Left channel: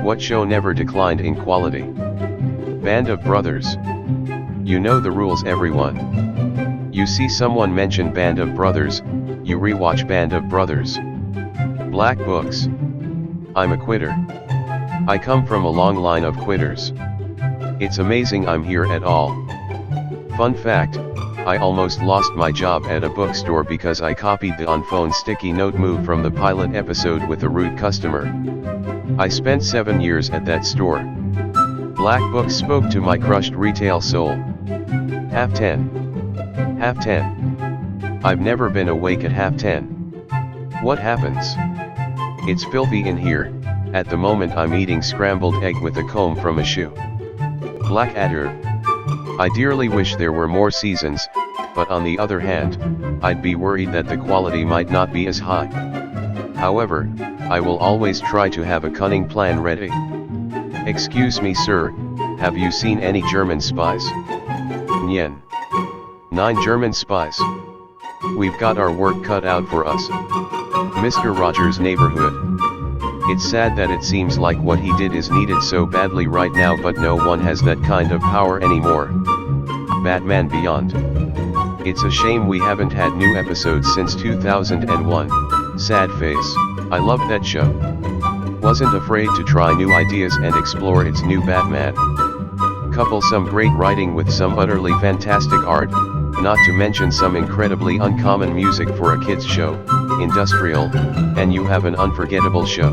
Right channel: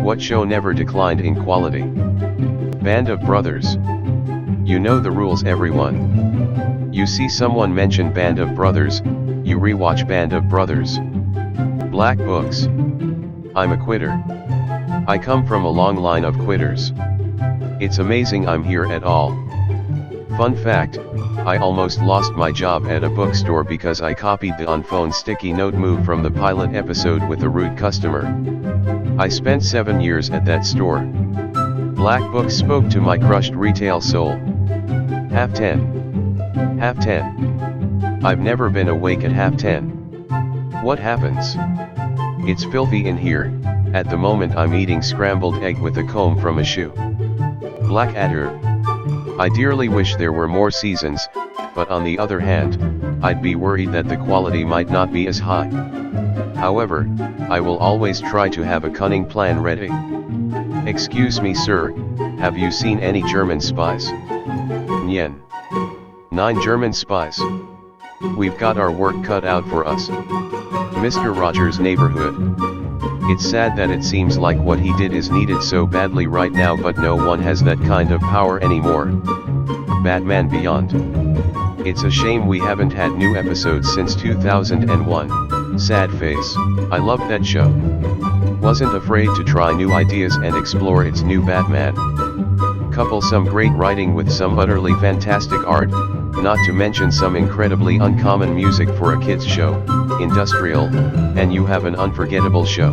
What show never declined in quality? Band of Brothers. You know the rules, everyone. You see someone mention Band of Brothers, you rewatch Band of Brothers. Black books. I'm a quitter. I come from a long line of quitters. It's amazing I'm here at all. Fun fact, I almost lost my job at a bookstore because I copied the on-phone sticky note move from the pilot episode with a rude customer. I spent 7 years at that store. Black books spoke to my crushed retail soul. Half 10. Half 10. I've never been awake at half 10. What happens? It's filthy in here. At the moment I'm eating scrambled egg with a comb from a shoe. Blackadder. I dearly wish there were more seasons, but on the other hand, I'd be worried that the quality might not be as high. However, I will always try to have a cunning plan ready. Excuse me, sir, have you seen any German spies? Nyen. 9 German spies. We've got our work cut out for us. Mr. Rogers' Neighborhood. It's sad that it seems like what he did is needed so badly right now, but no one has that kind of power anymore. Batman Beyond. It's a shame we haven't had new episodes since 2001, sad face. I loved that show. Wasn't afraid to try new ideas and explore its new Batman. Couple some great writing with some utterly fantastic art, not to mention some incredibly uncommon music for a kids show, industrial, and you have an unforgettable show.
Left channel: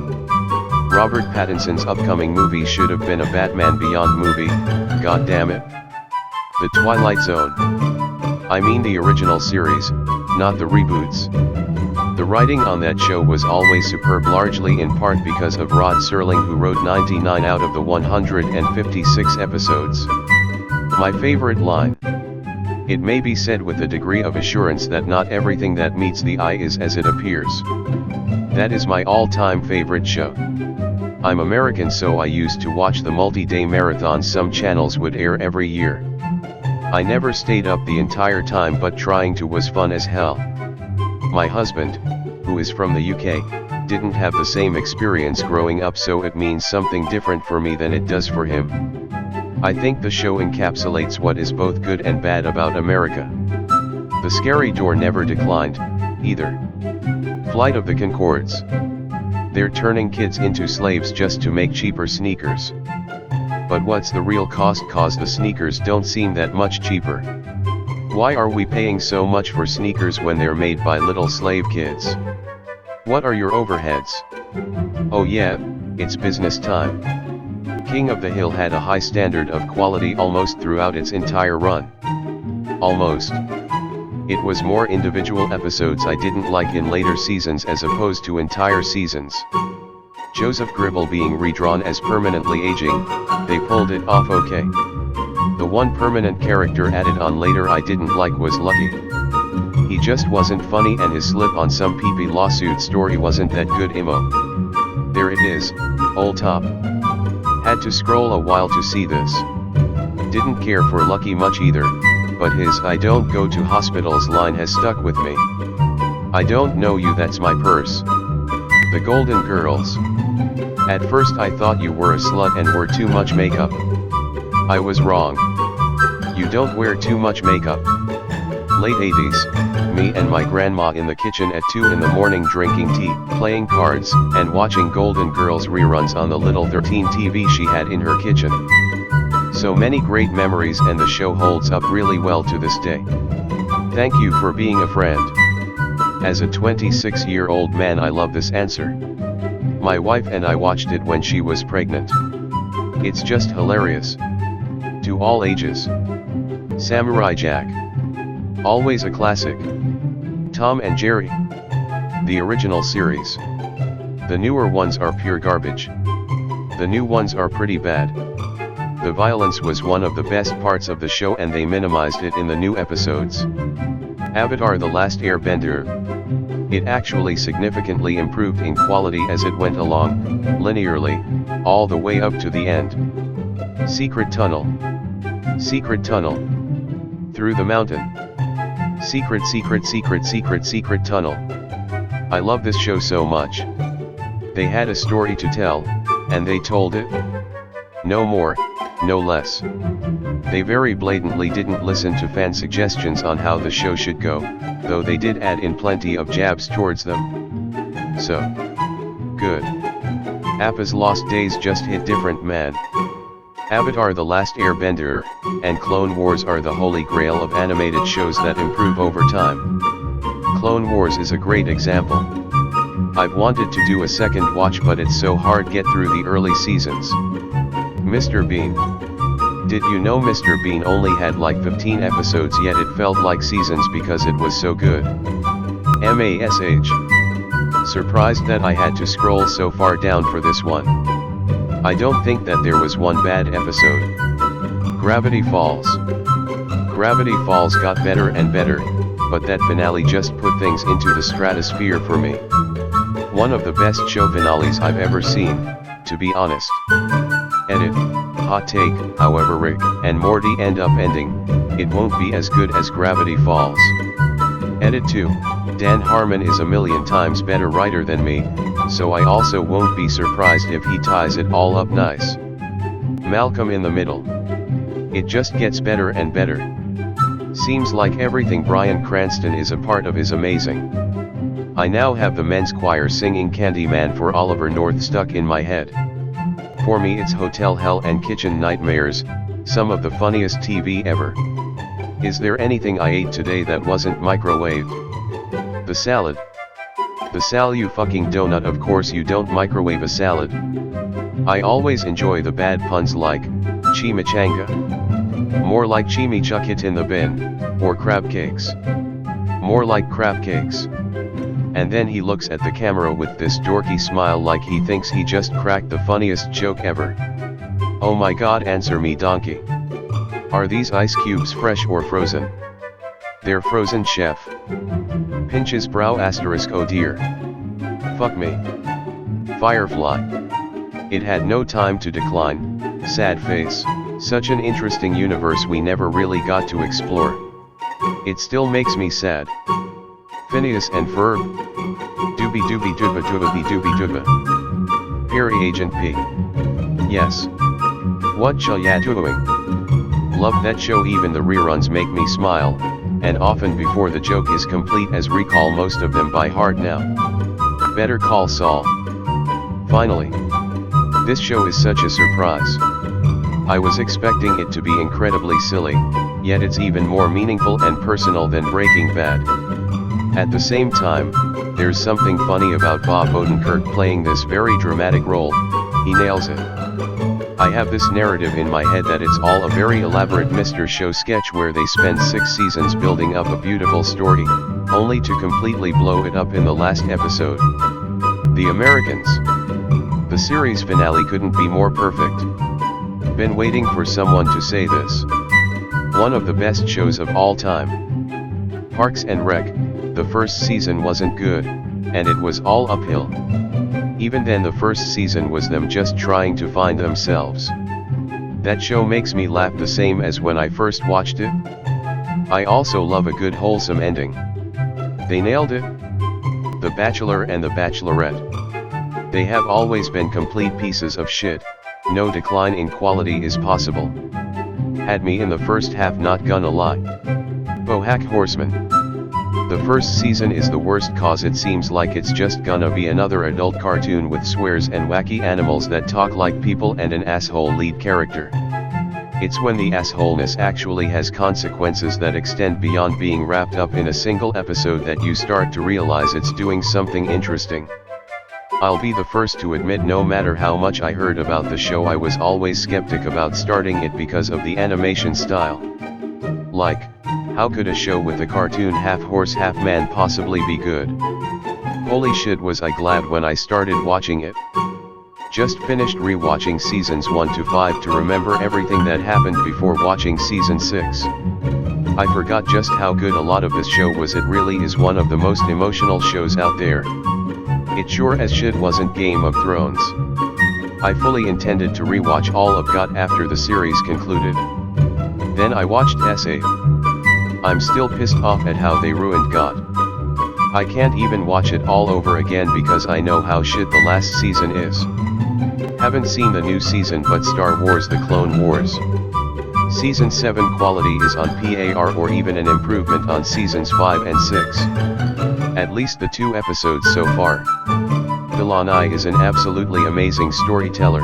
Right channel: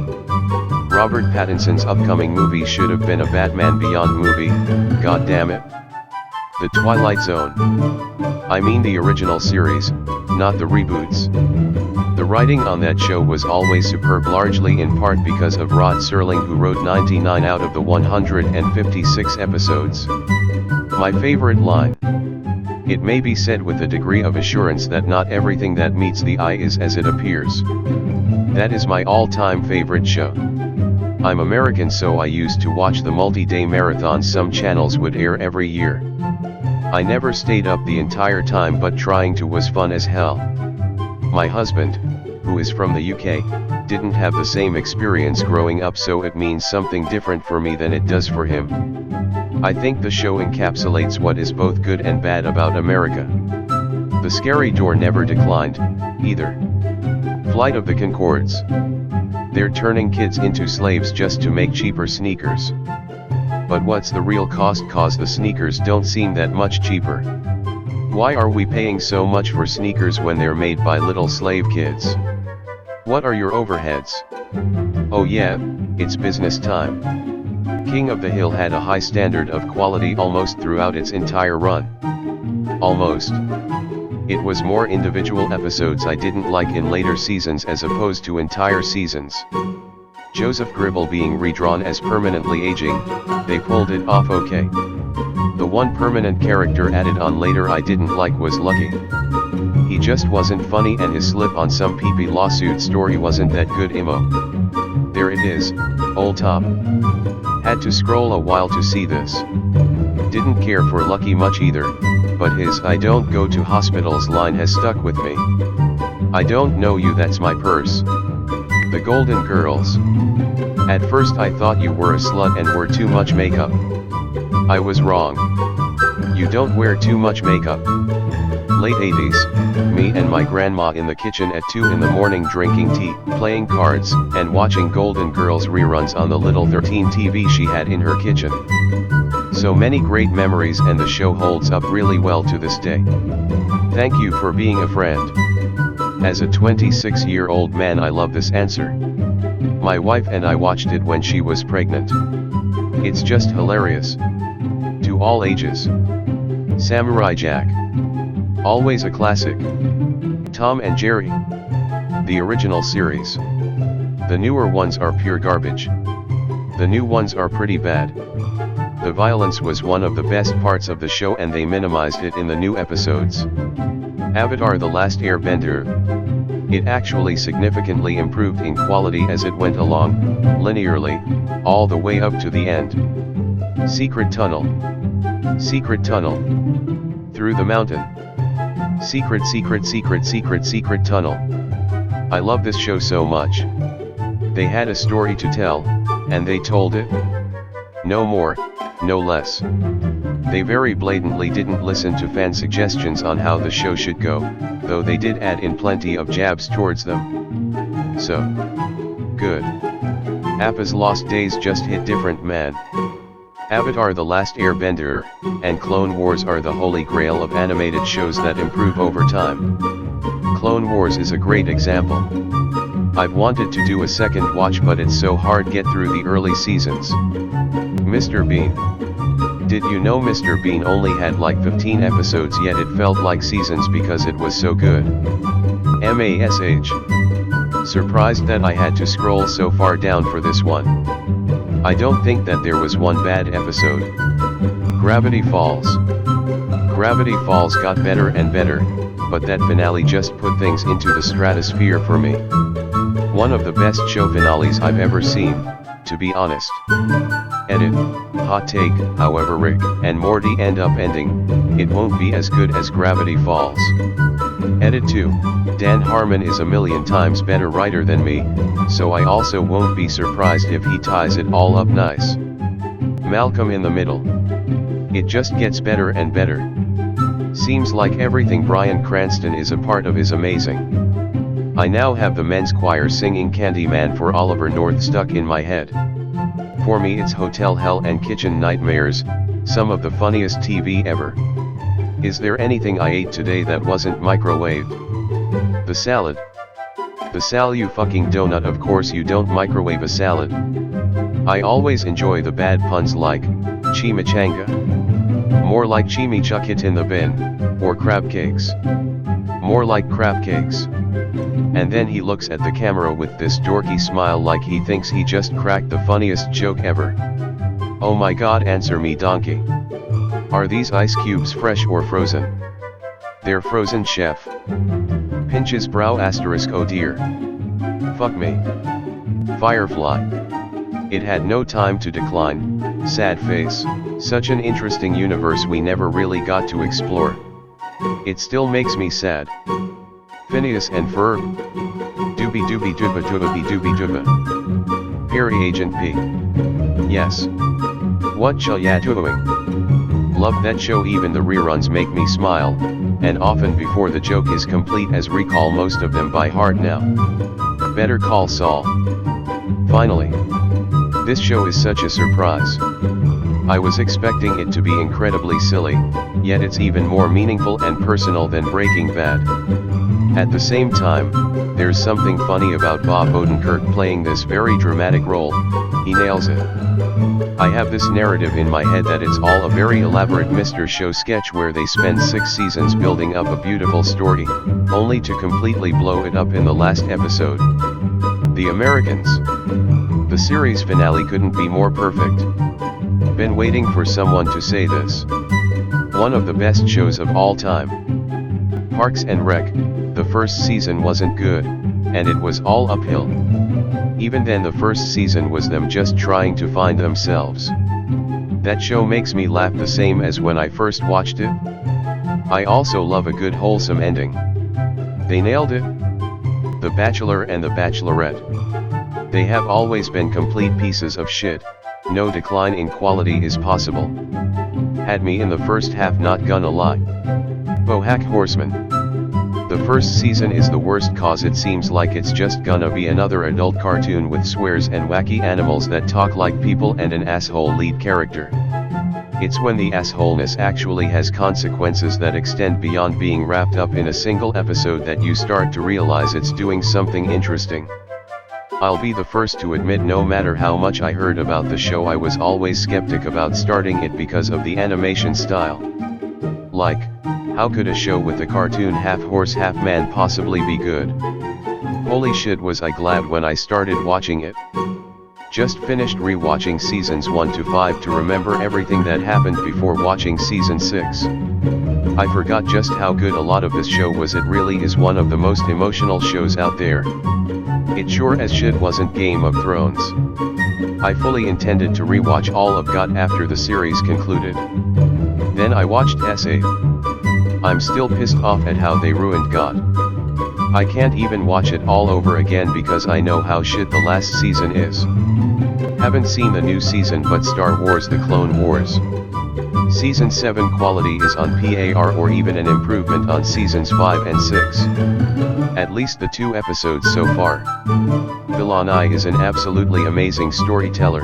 Robert Pattinson's upcoming movie should have been a Batman Beyond movie, god damn it. The Twilight Zone. I mean the original series, not the reboots. The writing on that show was always superb, largely in part because of Rod Serling, who wrote 99 out of the 156 episodes. My favorite line. It may be said with a degree of assurance that not everything that meets the eye is as it appears. That is my all-time favorite show. I'm American, so I used to watch the multi-day marathons some channels would air every year. I never stayed up the entire time, but trying to was fun as hell. My husband, who is from the UK, didn't have the same experience growing up, so it means something different for me than it does for him. I think the show encapsulates what is both good and bad about America. The scary door never declined, either. Flight of the Conchords. They're turning kids into slaves just to make cheaper sneakers. But what's the real cost, cause the sneakers don't seem that much cheaper? Why are we paying so much for sneakers when they're made by little slave kids? What are your overheads? Oh yeah, it's business time. King of the Hill had a high standard of quality almost throughout its entire run. Almost. It was more individual episodes I didn't like in later seasons as opposed to entire seasons. Joseph Gribble being redrawn as permanently aging, they pulled it off okay. The one permanent character added on later I didn't like was Lucky. He just wasn't funny, and his slip on some PP lawsuit story wasn't that good emo. There it is, old top. Had to scroll a while to see this. Didn't care for Lucky much either, but his "I don't go to hospitals" line has stuck with me. I don't know you, that's my purse. The Golden Girls. At first I thought you were a slut and wore too much makeup. I was wrong. You don't wear too much makeup. Late 80s, me and my grandma in the kitchen at 2 in the morning drinking tea, playing cards, and watching Golden Girls reruns on the little 13 TV she had in her kitchen. So many great memories, and the show holds up really well to this day. Thank you for being a friend. As a 26-year-old man, I love this answer. My wife and I watched it when she was pregnant. It's just hilarious. To all ages. Samurai Jack. Always a classic. Tom and Jerry. The original series. The newer ones are pure garbage. The new ones are pretty bad. The violence was one of the best parts of the show, and they minimized it in the new episodes. Avatar: The Last Airbender. It actually significantly improved in quality as it went along, linearly, all the way up to the end. Secret Tunnel. Secret Tunnel. Through the Mountain. Secret Tunnel. I love this show so much. They had a story to tell, And they told it? No more, no less. They very blatantly didn't listen to fan suggestions on how the show should go, though they did add in plenty of jabs towards them. So good. Appa's Lost Days just hit different, man. Avatar: The Last Airbender and Clone Wars are the holy grail of animated shows that improve over time. Clone Wars is a great example. I've wanted to do a second watch, but it's so hard get through the early seasons. Mr. Bean. Did you know Mr. Bean only had like 15 episodes, yet it felt like seasons because it was so good? MASH. Surprised that I had to scroll so far down for this one. I don't think that there was one bad episode. Gravity Falls. Gravity Falls got better and better, but that finale just put things into the stratosphere for me. One of the best show finales I've ever seen, to be honest. Edit. Hot take, however Rick and Morty end up ending, it won't be as good as Gravity Falls. Edit 2. Dan Harmon is a million times better writer than me, so I also won't be surprised if he ties it all up nice. Malcolm in the Middle. It just gets better and better. Seems like everything Bryan Cranston is a part of is amazing. I now have the men's choir singing Candyman for Oliver North stuck in my head. For me it's Hotel Hell and Kitchen Nightmares, some of the funniest TV ever. Is there anything I ate today that wasn't microwaved? The salad. The Sal, you fucking donut, of course you don't microwave a salad. I always enjoy the bad puns like, chimichanga. More like chimichuck in the bin, or crab cakes. More like crab cakes. And then he looks at the camera with this dorky smile like he thinks he just cracked the funniest joke ever. Oh my god, answer me donkey. Are these ice cubes fresh or frozen? They're frozen, chef. Pinches brow asterisk, oh dear. Fuck me. Firefly. It had no time to decline, sad face, such an interesting universe we never really got to explore. It still makes me sad. Phineas and Ferb. Doobie doobie dooba dooba bee doobie dooba. Perry Agent P. Yes. What shall ya doing? Love that show, even the reruns make me smile, and often before the joke is complete, as recall most of them by heart now. Better Call Saul. Finally. This show is such a surprise. I was expecting it to be incredibly silly, yet it's even more meaningful and personal than Breaking Bad. At the same time, there's something funny about Bob Odenkirk playing this very dramatic role. He nails it. I have this narrative in my head that it's all a very elaborate Mr. Show sketch where they spend 6 seasons building up a beautiful story, only to completely blow it up in the last episode. The Americans. The series finale couldn't be more perfect. Been waiting for someone to say this. One of the best shows of all time. Parks and Rec, the first season wasn't good, and it was all uphill. Even then the first season was them just trying to find themselves. That show makes me laugh the same as when I first watched it. I also love a good wholesome ending. They nailed it. The Bachelor and the Bachelorette. They have always been complete pieces of shit, no decline in quality is possible. Had me in the first half, not gonna lie. Bojack Horseman. The first season is the worst cause it seems like it's just gonna be another adult cartoon with swears and wacky animals that talk like people and an asshole lead character. It's when the assholeness actually has consequences that extend beyond being wrapped up in a single episode that you start to realize it's doing something interesting. I'll be the first to admit, no matter how much I heard about the show, I was always skeptic about starting it because of the animation style. Like, how could a show with a cartoon half horse half man possibly be good? Holy shit, was I glad when I started watching it. Just finished rewatching seasons 1 to 5 to remember everything that happened before watching season 6. I forgot just how good a lot of this show was. It really is one of the most emotional shows out there. It sure as shit wasn't Game of Thrones. I fully intended to rewatch all of GOT after the series concluded. Then I watched SA. I'm still pissed off at how they ruined GOT. I can't even watch it all over again because I know how shit the last season is. Haven't seen the new season but Star Wars The Clone Wars. Season 7 quality is on par or even an improvement on seasons 5 and 6. At least the 2 episodes so far. Villanai is an absolutely amazing storyteller.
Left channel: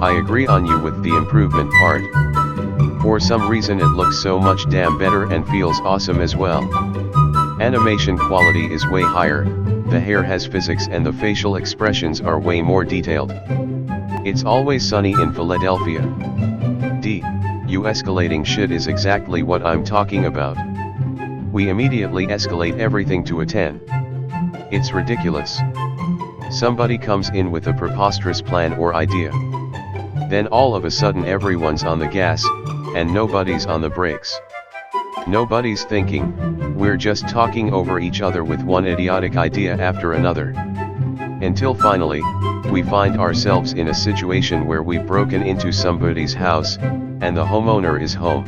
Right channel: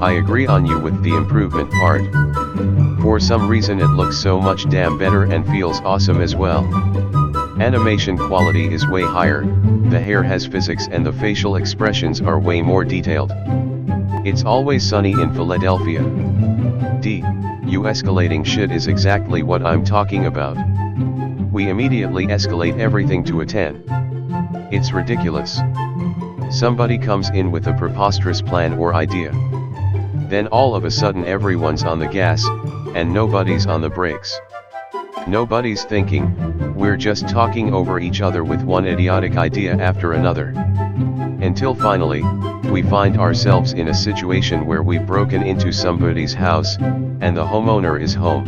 I agree on you with the improvement part. For some reason it looks so much damn better and feels awesome as well. Animation quality is way higher, the hair has physics and the facial expressions are way more detailed. It's always sunny in Philadelphia. You escalating shit is exactly what I'm talking about. We immediately escalate everything to a 10. It's ridiculous. Somebody comes in with a preposterous plan or idea. Then all of a sudden everyone's on the gas, and nobody's on the brakes. Nobody's thinking, we're just talking over each other with one idiotic idea after another. Until finally, we find ourselves in a situation where we've broken into somebody's house, and the homeowner is home.